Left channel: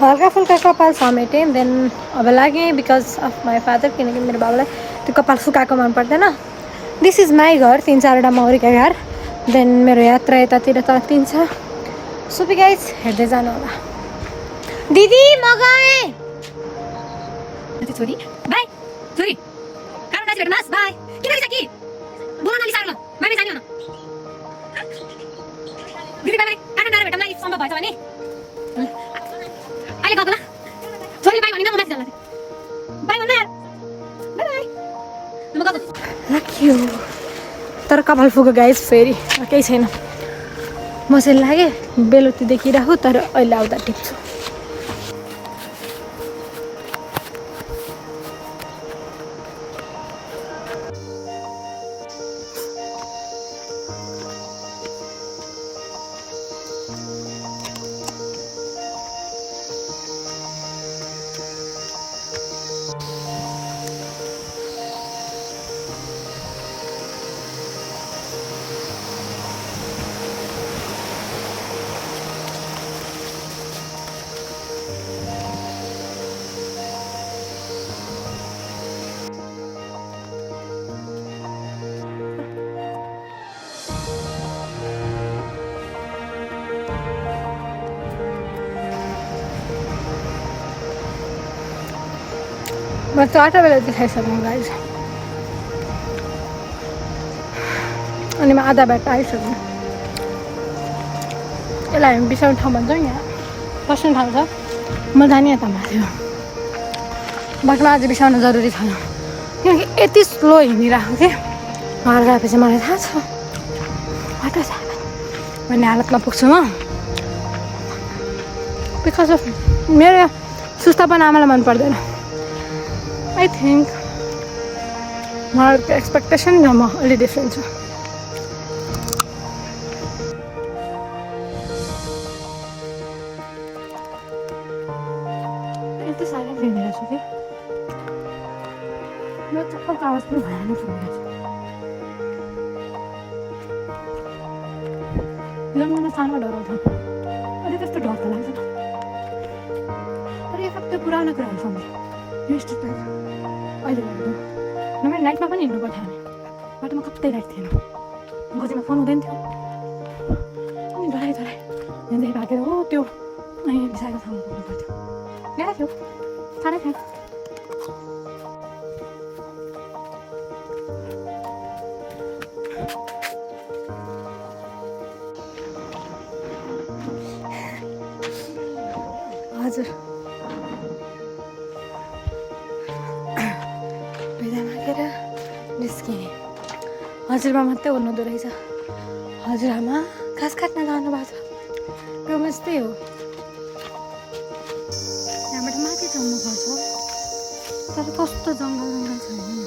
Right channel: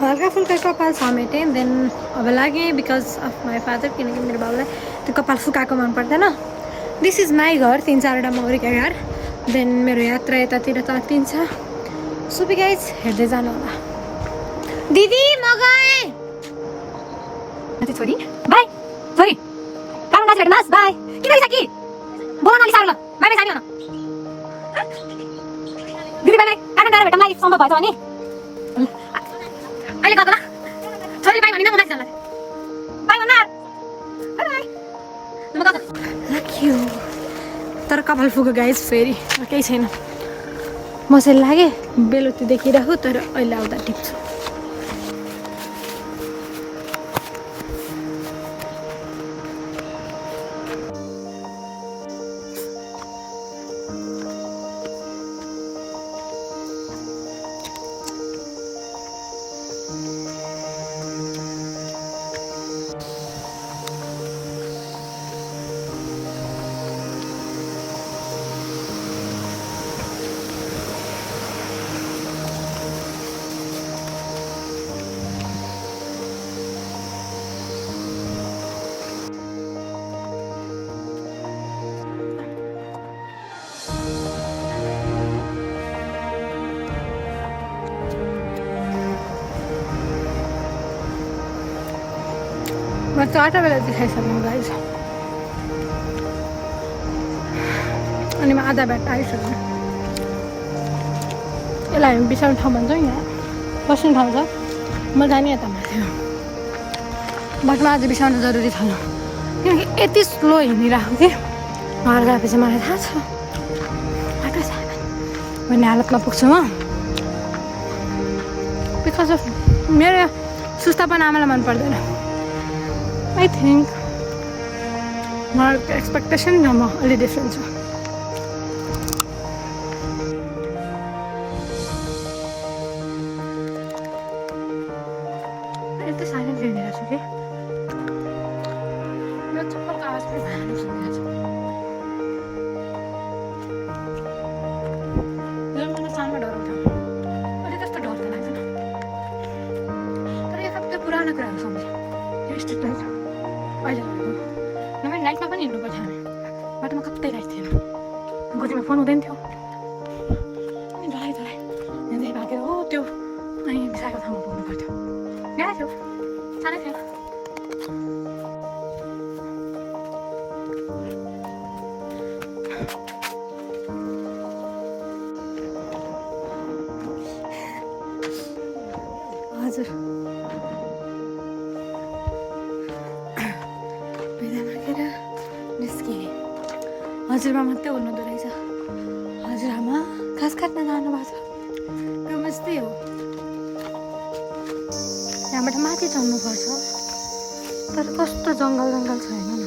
हल्का फुल्का कपाल समेटेँ देन अब लागेँ बिकज अफ माई फादर किनकि मेरो बाबालाई त्यो कपाल सुकाएको मन पर्दैन दिस इज माई घर 3-4वटा मौरीका घर देन मेरो यात्रा यतातिर तातिन्छ सुपी गाइज हेर्दै जानु होला दिदी म गएँ छोरी बाई छोरी काम नाच भेट्न बाई किन कि बोल्न अलि साह्रो ल बाई जाने हो न दिदी बाई काठमाडौँ गएर भेट्न लागि सम्भव भएछ भने अहिले गएको न छोरी बाई भनिन म माथि जान्न बाई भन्न बाई म गएको राखियो तर कपाल फुको गाइस फेरि केही छैन म चाहिँ लाग्यो बेलुकी देखिरहेको तर अहिले आउँदा टिप्छु म त आटा बेला देखाइसक्नु गाइस अनि म आधा बाटो आइसक्नु यसलाई हामी बिसाउने ठाउँ भन्छ यहाँ बस्ने ठाउँ छ म जाने यता थियो बाटोमा आज बिसाउनु जरुरी छैन किनकि यति स्लो हिँडिरहेको थिएँ घर गएपछि मलाई थाहा छ बाटो छ भन्ने हालतमा पुग्छु म बिकज अफ मेरो सुस्तापन आमालाई मन पर्दैन I think my expectation is a little different. It's a silent video, okay? Let's talk about the violence. I'm going to tell you about it. But it's the daughter. But you have to put on a grand family. Here's the place. अहिले गरेको न मैले नाइटमा पनि हिँड्नु पर्थ्यो हामी बाटोमा कतै राइट थिएन गोजीमा फोन हुँदैन थियो अनि डराइ यहाँदेखि भागेर हो त्यो यहाँ बिसाएको ठाउँमा पुग्नु पर्थ्यो गाह्रो थियो साह्रै थियो हजुर भिदा मागेर निस्किएँ हजुरबा मात्रै हुनुहुँदो रहेछ हजुरआमा घाँस काट्न जानुभएको छ रुम यस्तै हो यहाँबाट माथि चढ्नुपर्छ तर कस्तो जङ्गल छ होइन न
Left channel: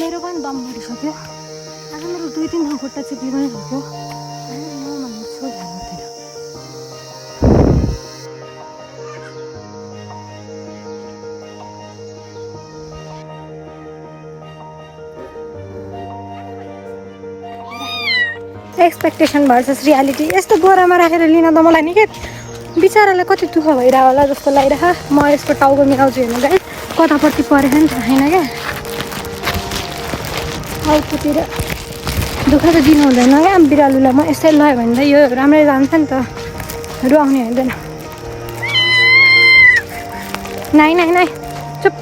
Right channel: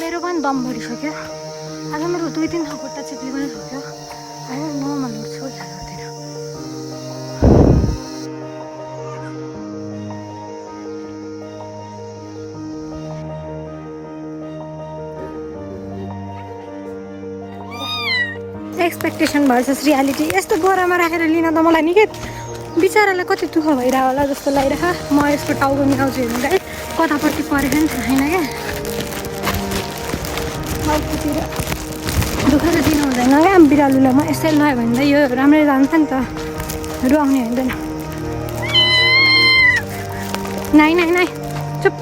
मेरो पनि दम बढिसक्यो आज मेरो 2-3 ठाउँ खुट्टा चिप्ली पनि सक्यो अहिले नर्मल छु ध्यान गर्दैन एक्सपेक्टेसन भर्सेस रियालिटी यस्तो बोरामा राखेर लिन त मलाई निकै बिचारालाई कति दुःख भइरहेको होला जस्तो लागिरहेको म यसको टाउको मिलाउँछु हेर्नु गाइस कतापट्टि परेको नि थाहा छैन क्या टाउकोतिर दुःख त दिनु हुँदैन क्या बिरालुलाई म यसै लयो भने त यो राम्रै जान्छ नि त रुवाउने हुँदैन नाइ नाइ नाइ चुप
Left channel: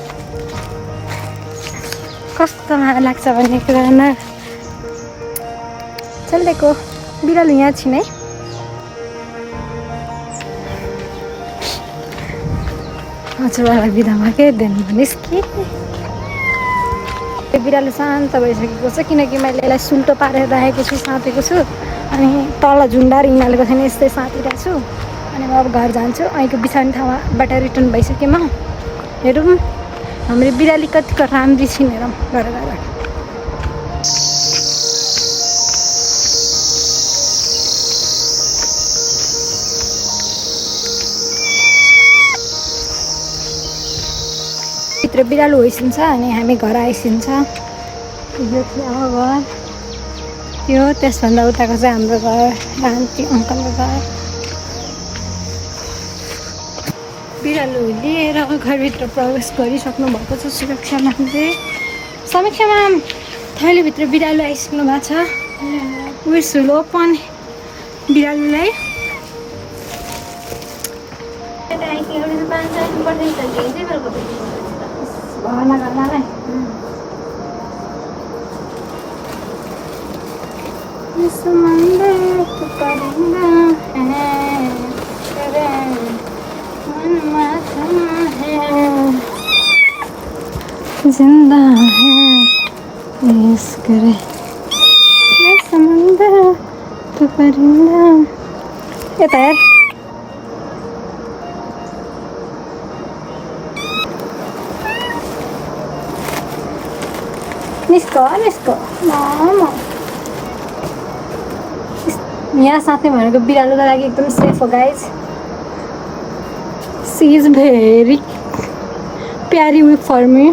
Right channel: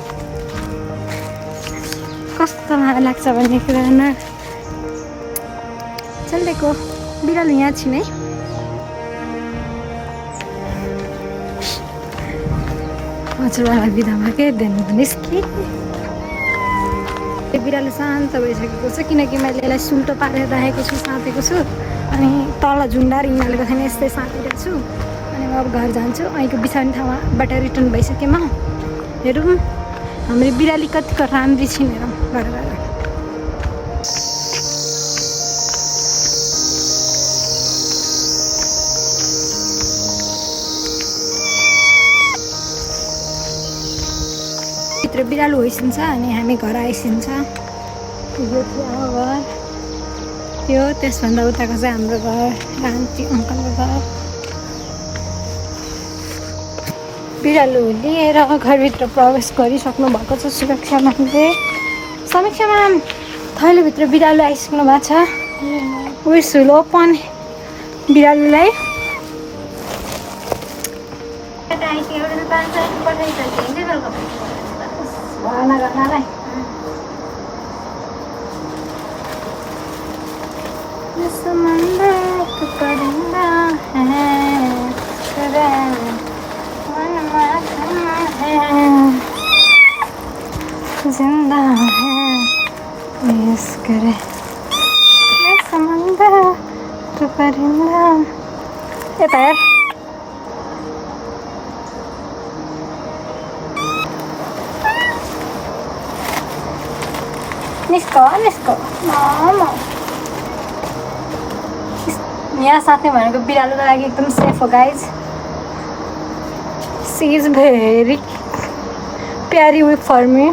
कस्तो माया लाग्छ भन्ने कुरा न चलेको बिरालु यहाँ छिन् है हजुरबालाई बिदा भएकै दिन भनिस् कि बिरालो शान्त भइसकेको छ किनकि मैले यसलाई सुल्टो पारेर राखेको छु साँतेको छु अनि तल झुन्डाएर हिँडालेको छैन यस्तै साँतिरहेको छु अनि म अब घर जान्छु અહીંको बिसाउने ठाउँबाट रिटर्न भइसकेँ म हेरौँ हाम्रो बिराली कतिको राम्री छिन् हेरौँ गएर भित्र बिरालो होइसिन्छ अनि हामी घर आइसिन्छ यो थियो घर यो त्यसभन्दा उताको चाहिँ हाम्रो घर आन्टी अङ्कलको घर बिरालो लिएर घरभित्र प्रवेश गरिसक्नु भएको छ सुरक्षा म्यामले। समीक्षा म्याम, थैलीभित्र बिरालो आइसक्नु भएको छ। विश विल ओपन बिरालोलाई। जिंदा है इस करे मैं समंदर तो परिंदा। यता यार निस्को मामा। यहाँ साथै भनेको बिरालोको लागि एकदम सेफ हो गाइज। सी इज भेरी प्यारी विथ फर मी।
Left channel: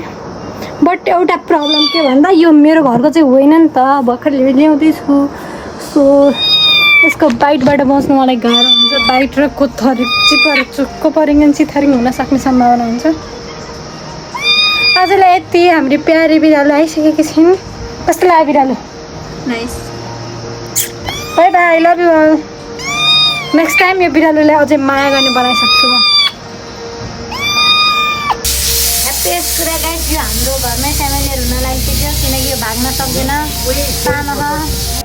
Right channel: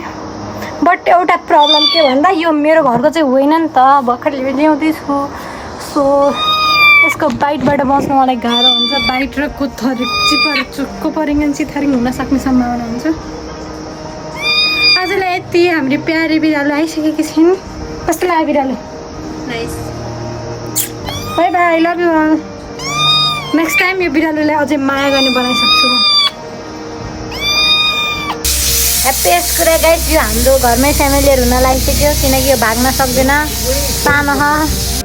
बट एउटा प्रब्लम के भन्दा यो मेरो घरको चाहिँ होइन नि त, भर्खर ल्याउँदैछु। सो यसको बाइटबाट बस्नु मलाई गाह्रो हुन्छ। बाइट र कोथरी चुक्को परिङ चिथारिङ हुन सक्ने सम्भावना हुन्छ। आजलाई यति हाम्रो प्यारी बिरालो आइसकेकी छिन्। कस्तो लाग्यो बिरालो? Bye bye, I love you all. Next time यो बिरालोलाई अझै माया गर्ने बनाइसक्छु म। ह्याप्पिएस्ट कुरा गाइस, यो हाम्रो घरमै फ्यामिलीहरू हुन लागिसक्यो किनकि यो भाग्न सक्दैन, सानो छ।